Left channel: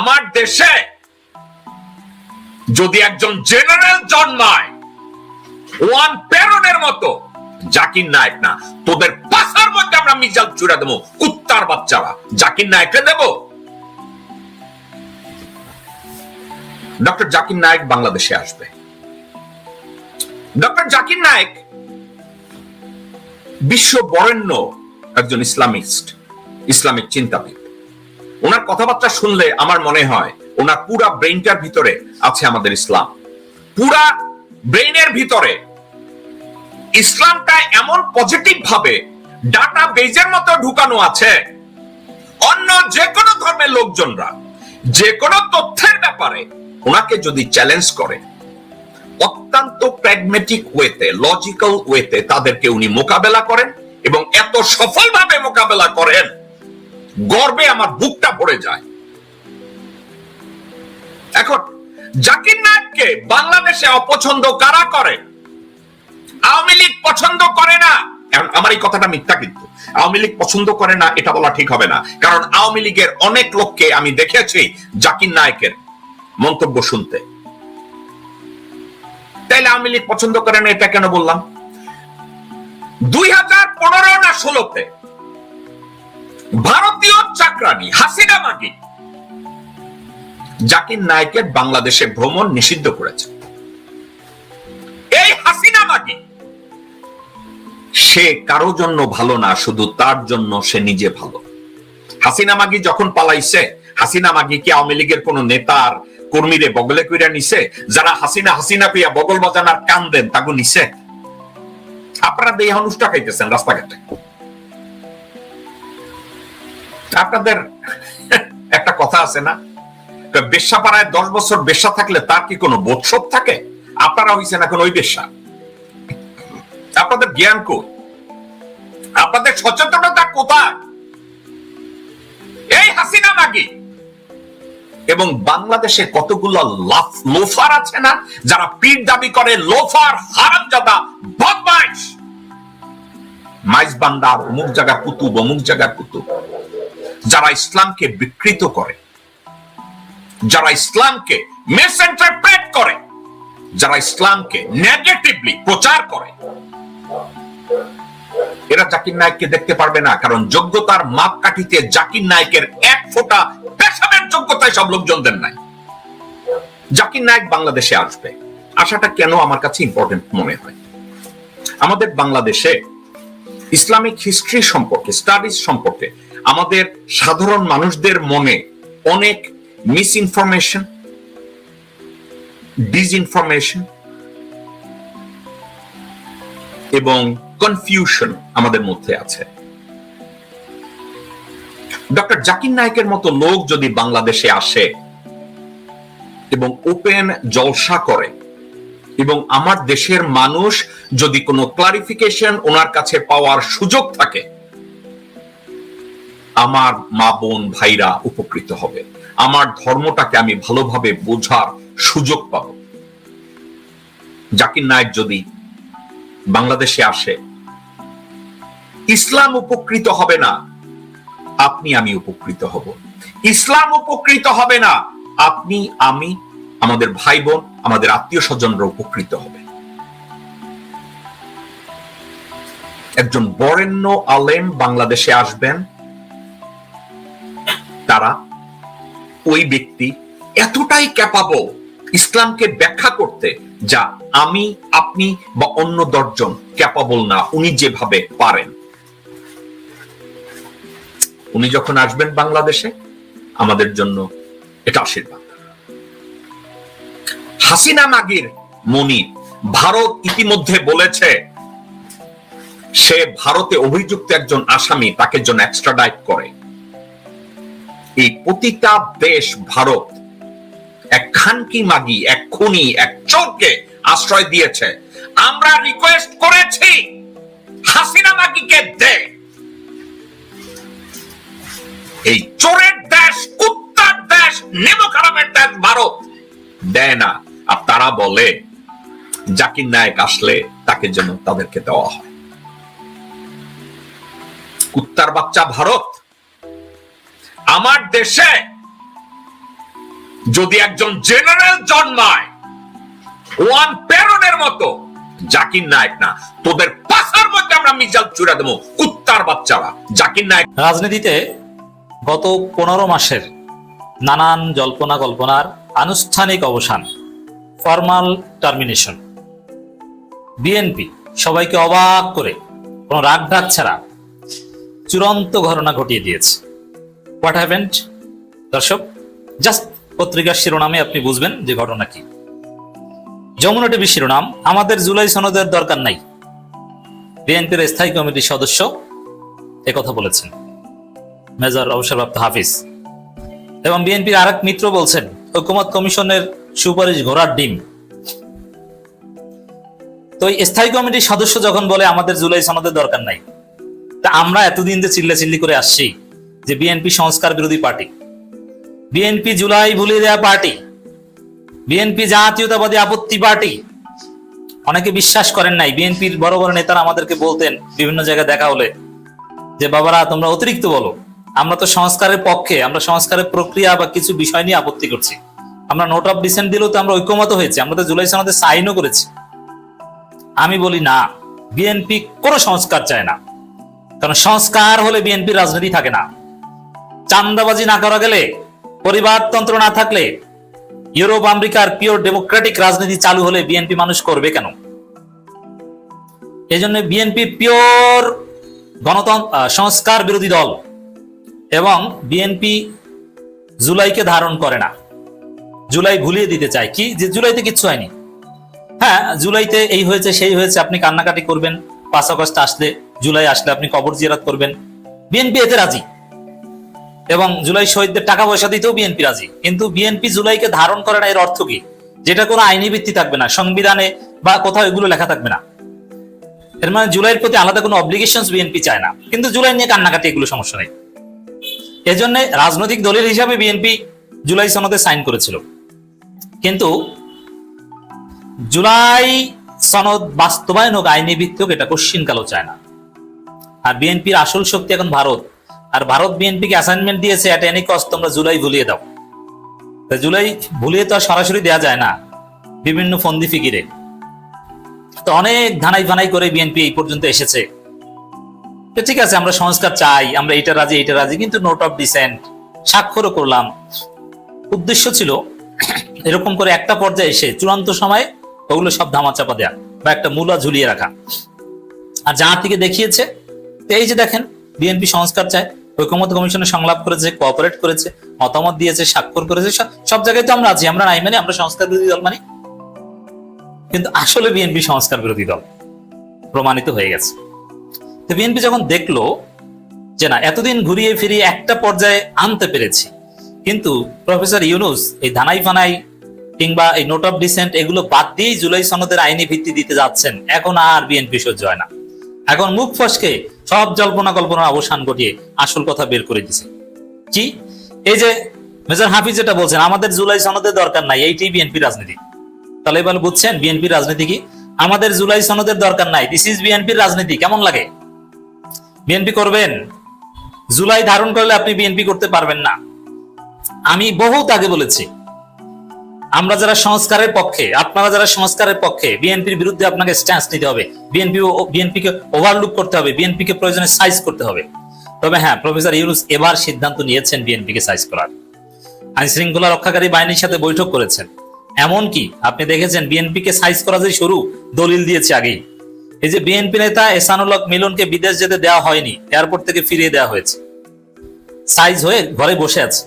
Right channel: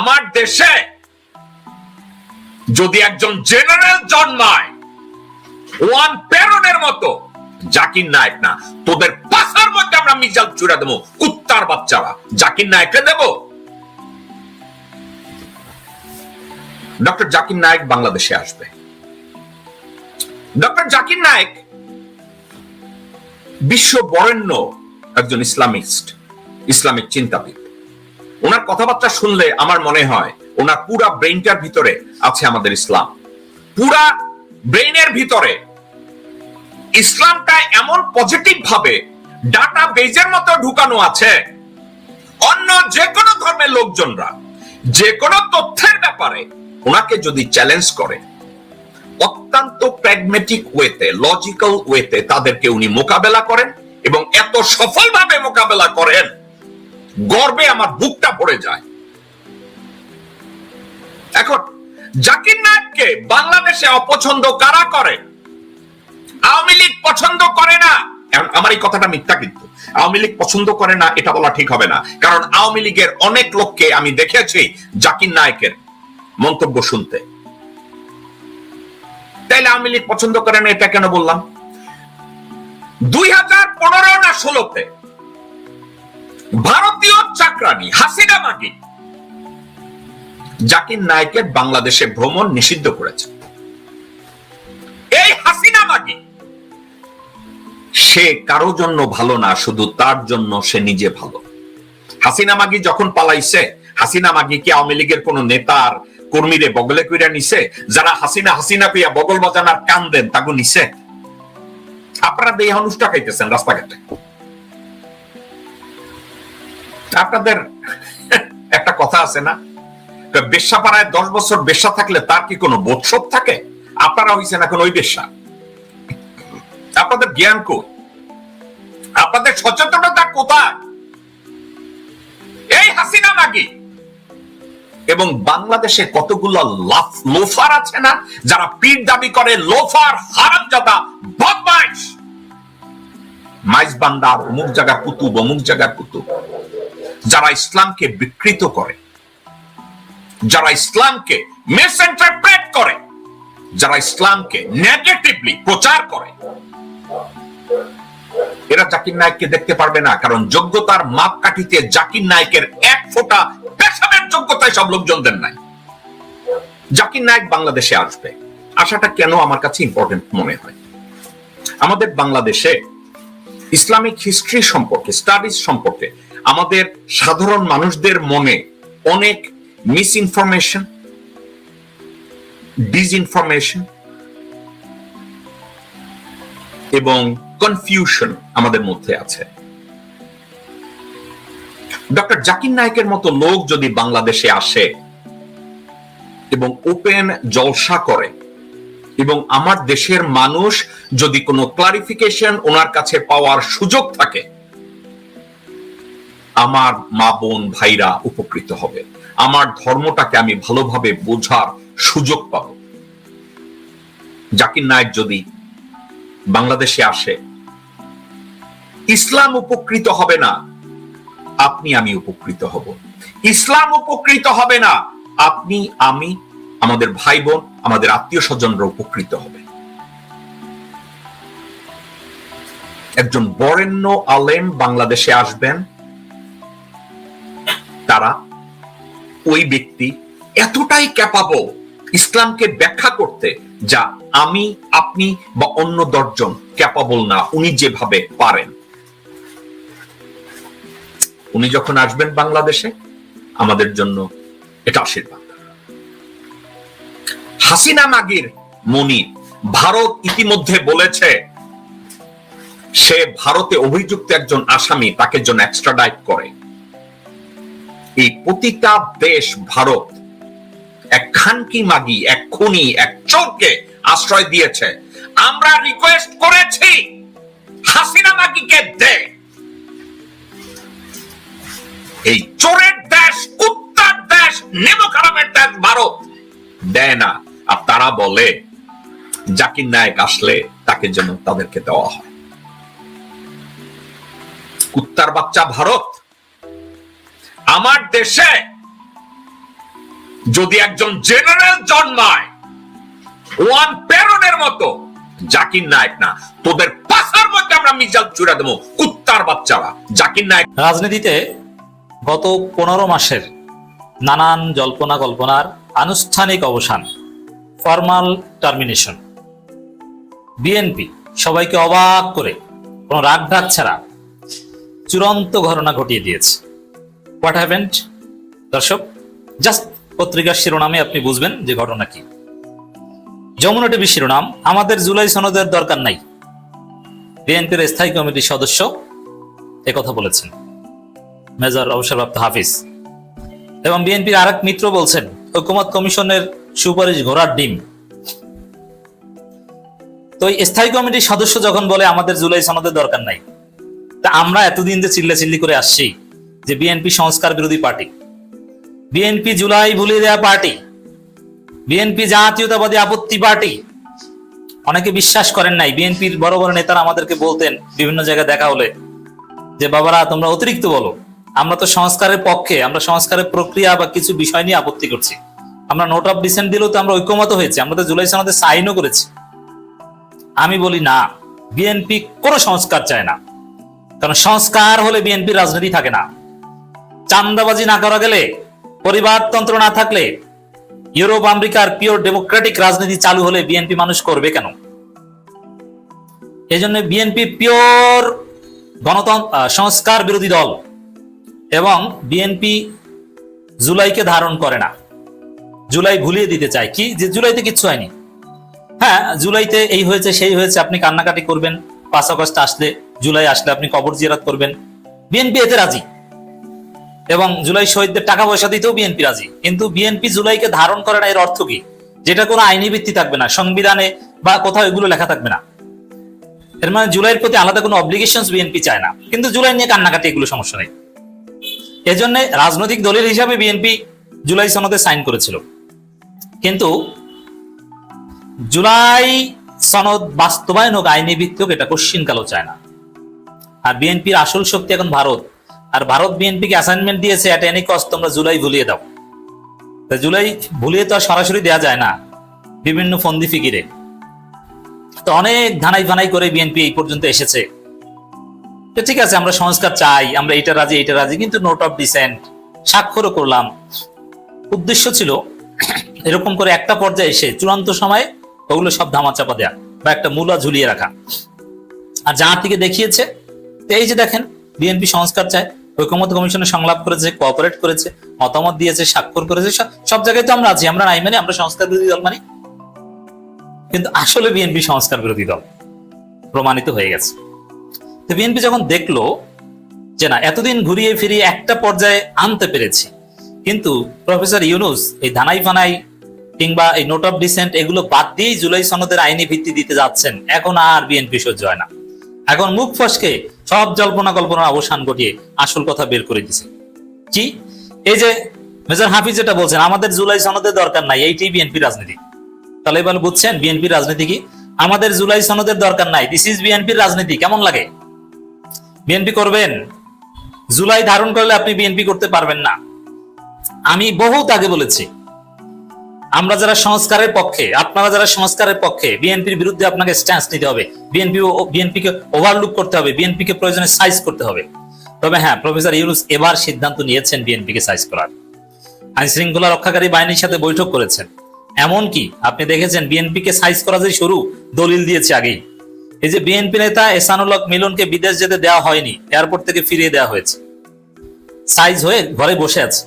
আমার দেশে যদি একজন জেনারেল জন্মায়, ওয়ান প্যারনের মতো, জাকির নায়ক না, তোদের পাশার মধ্যে আমরা মিজাল চুরা দেবো, কুত্তার বাচ্চারা। জাকির নায়ককে দেব? ডক্টর জাকির নায়ক বাংলাদেশে আসবে। ডক্টর জাকির নায়ক বিশ্ব বরেণ্য একজন ইসলামিস্ট, ইসলামিক চিন্তাবিদ। ওনার কথাবার্তা শুনলে আমার মনে হয় ওনার পুরা ব্রেইনটার ভিতরে আছে আমাদের ইসলাম। পুরা ব্রেইনের ভিতরে। ইসলামটা এমন পজিটিভ ভাবে ডাটা বেজের মতো ঢুকানো আছে। অন্য যে কোনো ধর্মের লোকজনরা যে কোনো তথ্যের ব্যাপারে ওনাকে যদি চ্যালেঞ্জ করে, অত্যন্ত প্র্যাগমেটিক ওয়েতে লজিক্যাল ওয়েতে তাদেরকে উনি মোকাবেলা করেন এবং এত সফলভাবে মোকাবেলা করেন। গর্বে আমার বুকটা ভরে যায়। এখন, জাকির নায়ককে বাংলাদেশে অপছন্দ কারা করে? আওয়ামী লীগ পছন্দ করে না? আমার এই কথাটা মিথ্যা কিন্তু। আওয়ামী লীগ পছন্দ করে না, এটা বলা ঠিক হবে না। কারণ আওয়ামী লীগের অনেক লোককে আমি দেখেছি জাকির নায়কের মন্তব্য শুনতে। তাইলে আওয়ামী লীগ পছন্দ করে না, এটা কেন বললাম? দুই হাজার পনেরো না ষোলোতে ভারতীয় চাকরানি হাসিনা মাকি জাকির নায়কের বাংলাদেশে ভ্রমণ নিষিদ্ধ করেছে। এই হাসিনা মাকি সে কারও জন্য ভালো না, শুধু তার জন্য সে নিজে ভালো। হাসিনা মাগি যখন পালাইছে, হাসিনা মাগি কি আওয়ামী লীগের কোন নেতার কর্মীরে বগলে কইরা নিছে? যারা হাসিনা হাসিনা পেয়া বগল বাজানার কান দেন, তাগো নিছে? আপনারা দেহ অনুষ্ঠা খাইতেছেন রাস্তাঘাটে। আপনাদের একটা কথা আছে না? বেশ্যা পাড়ায় দশ বছর বেশ্যা থাকলে তার কি কোনো বোধশোধ থাকে? আপনারা হয়েছেন এখন ওই বেশ্যা। আপনাদের জ্ঞান কো? আপনাদের কোথায় এবং বাংলাদেশে কতগুলো লোফার আছে না, যারা পীর দাবি করে লোফার হারামজাদা বদমাইশ? মাইজ বান্দার অমুক জায়গার কুতুব, অমুক জায়গার কুতুব। যারা ইসলামকে বিকৃত করে, যারা ইসলামকে মিসইন্টারপ্রেট করে, যারা ইসলামকে নেগেটিভলি প্রচার করে, এরা জাকির নায়ককে দেখতে পারবে না, কারণ যোগ্যতার মাপকাঠিতে জাকির নায়কের এক ফোঁটা পেশাবের যোগ্যতায় সব লোকজনদের নাই। জাকির নায়ক বাংলাদেশে আসবে। আসাটা কেন আমার কাছে ইম্পর্টেন্ট মনে হয়? আমাদের বাংলাদেশে ইসলামিক হিস্ট্রি সম্পর্কে স্টাডিজ সম্পর্কে আমাদের সাধারণ মানুষদের মনে অনেক মিস ইনফরমেশন ডিসইনফরমেশন এবং কনফিউশন আমাদের মধ্যে আছে। ডক্টর জাকির নায়কের মতো লোক যদি বাংলাদেশে আসে এবং ওপেন জলসা করে এবং আমার দেশের মানুষ যদি কোনো ক্লারিফিকেশন ওনার কাছে পাওয়ার সুযোগ থাকে আমার মা বোন ভাইরা উপকৃত হবে। আমার ধর্মটাকে আমি ভালোভাবে বোঝার সুযোগ পাব। জাকির নায়ক যদি বাংলাদেশে আসে, ইসলাম উপকৃত হবে না, আপনি আমি উপকৃত হব। ইসলাম উপকৃত হবে না, আপনি আমি, আমাদের ভাই বোন, আমাদের আত্মীয় স্বজনরা উপকৃত হবে। যা আমি, আপনি বা অন্য দশজন ক্যাপাবল না, উনি যেভাবে পারেন। উনি যখন আসবেন বাংলাদেশে, আমাদের জন্য এটা আশীর্বাদ। হাসিনা মাগির মনির ভারত ইতিমধ্যে বলেছে, সে ভারতে অভিযুক্ত একজন আসামি, তাকে জন্য এক্সট্রাডাইট করে। এই প্রতিটা দেশ ভারত এক খানকি মাগি, এক খুনি, এক চোরকে আশ্রয় দিয়েছে। আমরা রিকোয়েস্ট করেছি, হাসিনা মাগিকে দে। এই চোরের দেশ, কুত্তার দেশ খারাপের দেশ ভারত দেয় না। আর তারা বলে, জাকির নায়ক আসলে তাকে যেন তাদেরকে দেওয়া হয়। কুত্তার বাচ্চা ভারত। আমার দেশে যদি একজন জেনারেল জন্মায়, ওয়ান মতো, জাকির নায়ক না, তোদের পাশার মধ্যে আমরা মিজাল চূড়া দেবো, কুত্তার বাচ্চারা, জাকির নায়ক। রাজনীতিতে গত পনেরো মাসের নানান জল্পনা কল্পনার আনুষ্ঠানিক অবসান, ফর্মাল টার্মিনেশন। বিএনপি সবাইকে অবাক করে কোনো রাগ ছাড়া চূড়ান্ত ঘটনা ঘটিয়ে দিয়েছে। হোয়াট হ্যাপেন্ড দর্শক জাস্ট পত্রিকার শিরোনামে আপনি বুঝবেন যে ঘটনা কি। যমুনা টিভি শিরোনাম, আমাদের জুলাই সনদের দরকার নাই। বিএনপির স্থায়ী কমিটির সদস্য কথা বলেছেন। মেজর অবসরপ্রাপ্ত হাফিজ। এবং বিএনপির আরেক মিত্র বলছেন ঐকমত কমিশনের সুপারিশ ঘোড়ার ডিম। তো স্থায়ী কমিটির সদস্য যখন বলে, আমাদের জুলাই সনদের দরকার নাই, তা আমরা এতদিন যে চিল্লা চিল্লি করে আসছি যে বিএনপি সংস্কার বিরোধী পার্টি বিএনপি জুলাই ভুলিয়ে দেওয়া পার্টি বিএনপি জাতীয়তাবাদী আপত্তি পার্টি অনেকে বিশ্বাস করেন নাই বিএনপির বড় বড় নেতারা আমাদেরকে বলতেন বিভিন্ন জায়গায় দেখা হলে যে, বাবারা, তোমরা অতিরিক্ত বলো। আমরা তো সংস্কারের পক্ষে, আমরা সংস্কারের প্রক্রিয়া বা কিছু বিষয় নিয়ে আপত্তি করছি। আমরা নোট অফ ডিসেন্ট দিলেও তো আমরা ঐক্যমত হয়েছি, আমরা তো জুলাই সনদে সাইনও করেছি। আমি বলি, না বিএনপি কোনো সংস্কার চায় না। কারণ সংস্কার হলে বিএনপি রাজনীতি থাকে না। চান্দাবাজি না করে গেলে বিএনপি সংস্কার বিরোধী দল এবং বিএনপি জুলাইকে ধারণ করে না। জুলাই ভুলিয়ে দিতে চায়। কি? যে জুলাইতে কিচ্ছু হয়নি। হ্যাঁ জুলাইতে এই হয়েছে, সেই হয়েছে, আপনি কান্নাকাটি করবেন। পাঁচ আগস্ট আসলে, জুলাই আসলে আপনি কবর জিয়ারত করবেন। বিএনপি এতে রাজি। এবং জুলাই শহীদদের টাকা পয়সা দিতেও বিএনপি রাজি। কিন্তু বিএনপি জুলাইকে ধারণ করে না, এর অর্থ কি? যেটা কোনো আইনি ভিত্তি থাকবে না, সংবিধানে বা কোথাও এগুলো লেখা থাকবে না। এর মানে জুলাইয়ের প্রতি আলাদা কোনো অব্লিগেশন বিএনপি চায় না। কিন্তু জুলাই নিয়ে কান্নাকাটি, এগুলো সমস্যা নেই। এজন্য রাজনৈতিক দলের হিসাবে বিএনপি জুলাই সনদে সাইন করেছিল। কিন্তু জুলাই সনদ বাস্তবায়ন হোক, আইনি ভিত্তিক এটা কোশ্চিন কালো চায় না। আর বিএনপির আসল শক্তি এখন ভারত। আর ভারত বিএনপিকে অ্যাসাইনমেন্ট দিয়েছে এট এনি কস্ট তোমরা জুলাই ভুলিয়ে দাও। তা জুলাই ভুলিয়ে তো আর সরাসরি দেওয়া যায় না, বিভিন্ন ফন্দি ফিকিরে। তো অনেক ধানাই ফানাই করে বিএনপি এই পর্যন্ত এসেছে। তো ঠিক আছে, আমরা সংস্কার চাই, আমরা এটা রাজি এটা রাজি, কিন্তু নোট অফ ডিসেন্ট স্বাক্ষরও করলাম। উদ্দেশ্য ছিল এরকম করে একটা পর্যায়ে এসে চূড়ান্ত সময় ওগুলো সব ধামাচাপা দেয়া বা একটা মূলা ঝুলিয়ে রাখা। আর যার থেকে দেখিয়েছে এই যে দেখেন, বিএনপি সংস্কার চায়। ঐকমত কমিশনে সংলাপ করেছে কোঅপারেট করেছে, মতামত দিয়েছে, স্বাক্ষর করেছে, সব জায়গায় তো আমরা আছি। আমরা নাই মানে আমরা সংস্কার বিরোধী দল মানি। কিন্তু আসলে বিএনপি সংস্কার বিরোধী দল প্রমাণিত হয়ে গেছে। তো বিএনপি যখন দেখল যে না, এতদিন ঘুরিয়ে ফিরিয়ে একটা পর্যায়ে আনতে পেরেছি, কিন্তু প্রফেসর ইউনুস এই ধানাই ফানাই কিংবা এই নোট অফ ডিসেন্ট এগুলো বাদ দিয়েই জুলাই সনদের আইনি ভিত্তি দিতে যাচ্ছেন। এখন আর বিএনপি সহ্য হয় না। এখন মুখ ফসকে সব জল্পনা কল্পনার অবসান ঘটিয়ে আসল কথা বের করে দিছে। কি? এই যে মেজর হাফিজ যেটা বলছেন, আমাদের জুলাই সনদের দরকার নাই এইটাই বিএনপি রাজনীতি। তাহলে এবার বুঝছেন বিএনপি রাজনীতি কি? আমাদের জুলাই সনদের দরকার নাই দিস ইজ বিএনপির রাজনীতি, কেমন লাগে? বিএনপি করবেন? জুলাই ধারণ করলে আপনি বিএনপি করতে পারবেন না। আমি বহুত আগে বলেছি আমরা যারা সংস্কারের পক্ষে, আপনারা যারা সংস্কারের পক্ষে, বিএনপির বিরুদ্ধে আপনাকে স্ট্যান্স নিতে হবে। বিএনপি ও বিএনপি কে ওভারলুক করতে হবে বিএনপি কে প্রয়োজনে সাইজ করতে হবে। তবে হ্যাঁ প্রফেসর ইউনুস এবার সিদ্ধান্ত নিয়েছেন বিএনপি কে সাইজ করার। আইন শৃঙ্খলা রক্ষাকারী বাহিনীর সাথে বৈঠক করেছেন। এমনকি আপনি দেখেছেন বিএনপি কে সাইজ করা যে শুরু, দলিল দিয়েছে আগে এই যে বিএনপি নেতা এসানুল হক মিলনকে বিদেশ যেতে দেওয়া হয়নি, এয়ারপোর্ট থেকে ফিরিয়ে দেওয়া হয়েছে। সাইজ হয়ে ঘরে বসে আছে।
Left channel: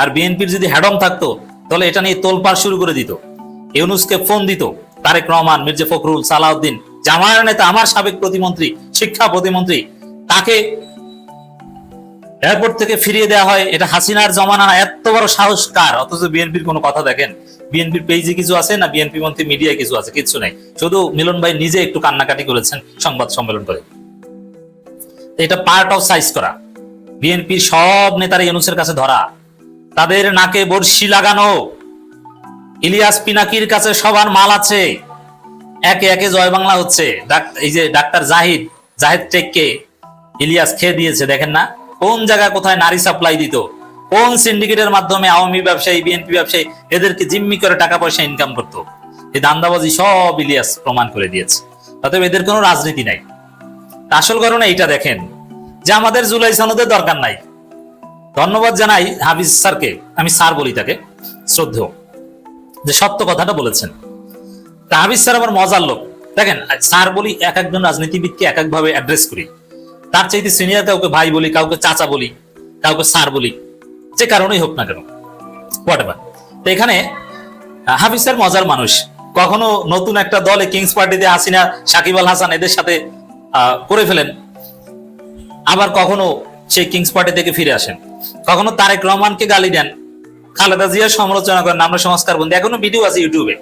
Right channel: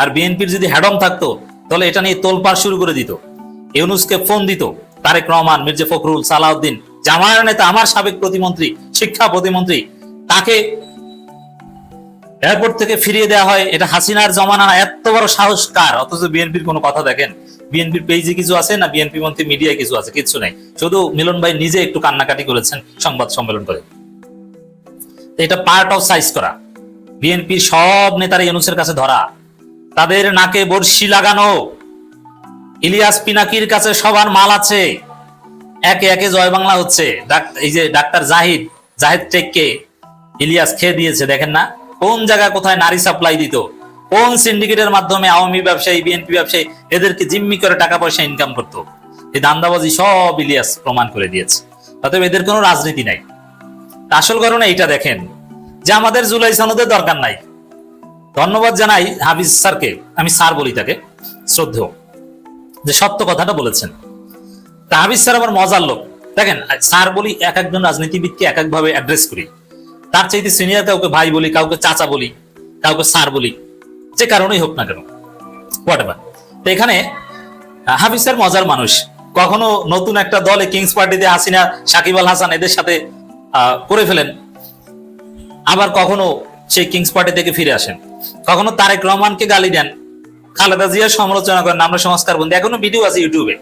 আর বিএনপির যদি হ্যাডম থাকতো তাহলে এটা নিয়ে তোলপাড় শুরু করে দিত। ইউনুসকে ফোন দিত, তারেক রহমান, মির্জা ফখরুল, সালাউদ্দিন জামায়াত নেতা, আমার সাবেক প্রতিমন্ত্রী, শিক্ষা প্রতিমন্ত্রী, তাকে এয়ারপোর্ট থেকে ফিরিয়ে দেওয়া হয়। এটা হাসিনার জমানার এত বড় সাহস কার অথচ বিএনপির কোনো কথা দেখেন? বিএনপির পেজে কিছু আছে না বিএনপি মন্ত্রী মিডিয়ায় কিছু আছে? কিছু নাই। শুধু মিলন ভাই নিজে একটু কান্নাকাটি করেছেন সংবাদ সম্মেলন করে। এটা পার্ট অফ সাইজ করা। বিএনপি সব নেতারা ইউনুসের কাছে ধরা। তাদের নাকে বর্ষি লাগানো। ইলিয়াস পিনাকির কাছে সবার মান আছে। একে একে হচ্ছে। মাধ্যমে আওয়ামী বিএনপি এদেরকে জিম্মি করে টাকা পয়সা ইনকাম করতো? দান্দাবাজি সব ইলিয়াস প্রমাণ করে দিয়েছে। এদের কোনো রাজনীতি নাই। আসল কারণে এইটা দেখেন যে আমাদের জুলাই সনদের দরকার নাই। ধন্যবাদ জানাই হাফিজ স্যারকে। আমি স্যার বলি তাকে। শ্রদ্ধেয়। যে সত্য কথাটা বলেছেন। তা হাফিজ স্যার আবার মজার লোক। দেখেন, স্যার বলি এক একজন রাজনীতিবিদকে এক একভাবে অ্যাড্রেস করি। তার চাইতে সিনিয়র কাউকে ভাই বলি, কাউকে চাচা বলি, কাউকে স্যার বলি, যে কারণেই হোক না কেন। হোয়াট তো এখানে হাফিজ স্যার মজার মানুষ। কখনো নতুন একটা দলে কিংস পার্টিতে হাসিনা, সাকিব আল হাসান এদের সাথে করে ফেলেন। আবার কখনো সেই কিংস পার্টি থেকে ফিরে আসেন। কখনো তারেক রহমানকে গালি দেন। খালেদা জিয়ার সমালোচনা করেন, আমরা সংস্কার বন্দী। এখনও ভিডিও আছে ইউটিউবে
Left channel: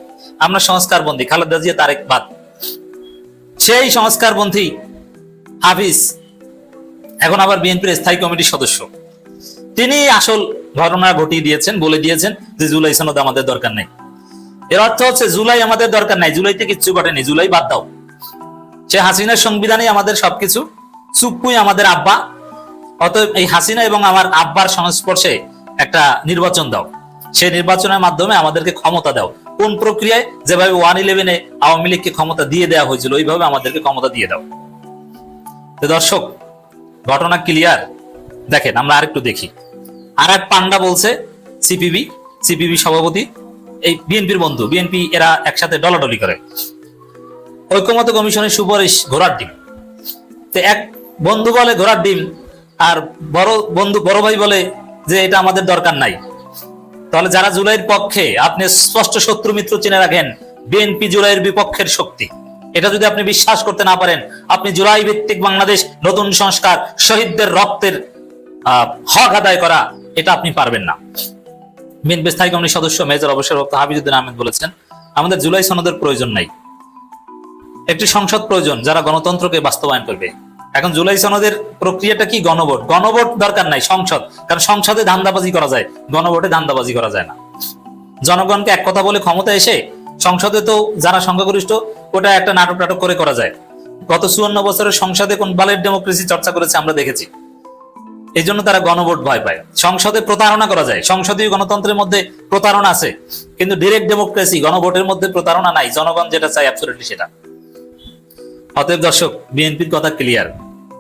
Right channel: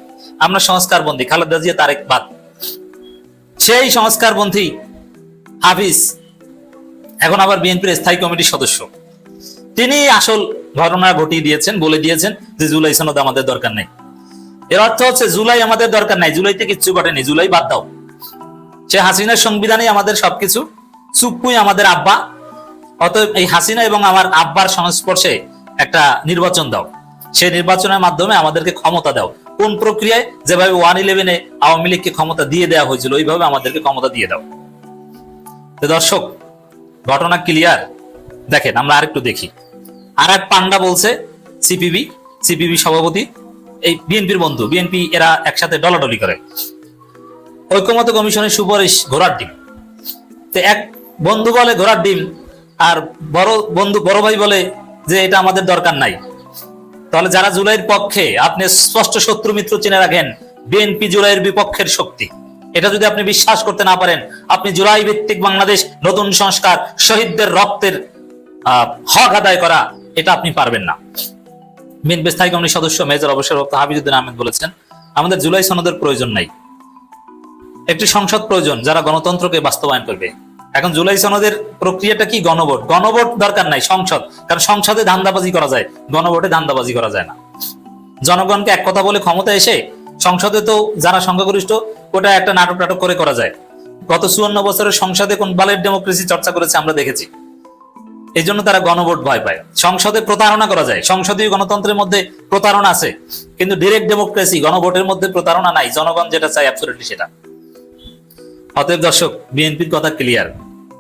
আমরা সংস্কার বন্দী, খালেদা জিয়া, তারেক বাদ। সেই সংস্কার বন্ধী হাফিজ, এখন আবার বিএনপির স্থায়ী কমিটির সদস্য। তিনি আসল ঘটনা ঘটিয়ে দিয়েছেন, বলে দিয়েছেন যে জুলাই সনদ আমাদের দরকার নেই। এর অর্থ হচ্ছে জুলাই আমাদের দরকার নাই, জুলাইতে কিচ্ছু ঘটেনি, জুলাই বাদ দাও। সে হাসিনার সংবিধানে আমাদের সবকিছু চুপ্পুই আমাদের আব্বা অতএব এই হাসিনা এবং আমার আব্বার সংস্পর্শে একটা নির্বাচন দাও। সেই নির্বাচনের মাধ্যমে আমাদেরকে ক্ষমতা দাও। কোন প্রক্রিয়ায়? যেভাবে ওয়ান ইলেভেনে আওয়ামী লীগকে ক্ষমতা দিয়ে দেওয়া হয়েছিল, ওইভাবে আমাদেরকে ক্ষমতা দিয়ে দাও। তো দর্শক, ঘটনা ক্লিয়ার দেখেন, আমরা আরেকটু দেখি। আর এক পান্ডা বলছে, সিপিবি সিপিবি সভাপতি, এই বিএনপির বন্ধু, বিএনপি এরা একসাথে ডলাডলি করে। ঐক্যমত কমিশনের সুপারিশ ঘোরার দিন। তো এক বন্ধু বলে, ঘোরার দিন আর বড় বন্ধু, বড় ভাই বলে যে এটা আমাদের দরকার নাই। তাহলে যারা জুলাইয়ের পক্ষে আপনি স্পষ্ট শত্রু মিত্র চিনে রাখেন, বিএনপি জুলাইয়ের বিপক্ষের শক্তি। এটা যদি আপনি বিশ্বাস করতে না পারেন, আপনি জুলাই ভিত্তিক বাংলাদেশ নতুন সংস্কার, শহীদদের রক্তের হক আদায় করা, এটা আপনি পারবেন না। বিএনপি স্থায়ী কমিটির সদস্য, মেজর অবসরপ্রাপ্ত হাবিজুদ্দিন আহমেদ বলেছেন, আমাদের জুলাই সনদের প্রয়োজন নাই। একটি সংসদ প্রয়োজন, যারা গণতন্ত্রকে বাস্তবায়ন করবে। এখন জুলাই সনদের প্রক্রিয়াটা কি? গণভোট। গণভোট দরকার নাই, সংসদ। কারণ সংসদে ধান্দাবাজি করা যায়, গণভোটে ধান্দাবাজি করা যায় না। জনগণকে এক কথা বলে ক্ষমতা এসে সংসদে তো যারা সংখ্যাগরিষ্ঠ, ওটা একটা নাটক নাটক করে করা যায়। গত চুয়ান্ন বছরের সংসদে কোন বালের ডেমোক্রেসি চর্চা করেছে আমরা দেখেছি। এই জন্য তারা গণভোট ভয় পায়। সংসদে প্রতারণা করা যায়। সংসদীয় গণতন্ত্রের মধ্যে প্রতারণা আছে। কিন্তু ডিরেক্ট ডেমোক্রেসি গণভোটের মধ্যে প্রতারণা নাই। জনগণ যেটা চায় অ্যাবসলিউটলি সেটা। অতএব দর্শক, বিএনপির কথা ক্লিয়ার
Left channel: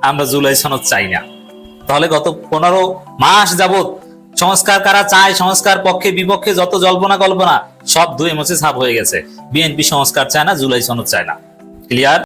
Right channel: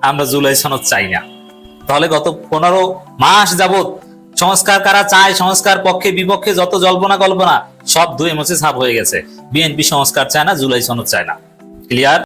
আমরা জুলাই সনদ চাই না। তাহলে গত পনেরো মাস যাবত সংস্কার কারা চায়, সংস্কার পক্ষে, বিপক্ষে, যত জল্পনা কল্পনা, সব ধুয়ে মুছে সাফ হয়ে গেছে। বিএনপি সংস্কার চায় না, জুলাই সনদ চায় না। ক্লিয়ার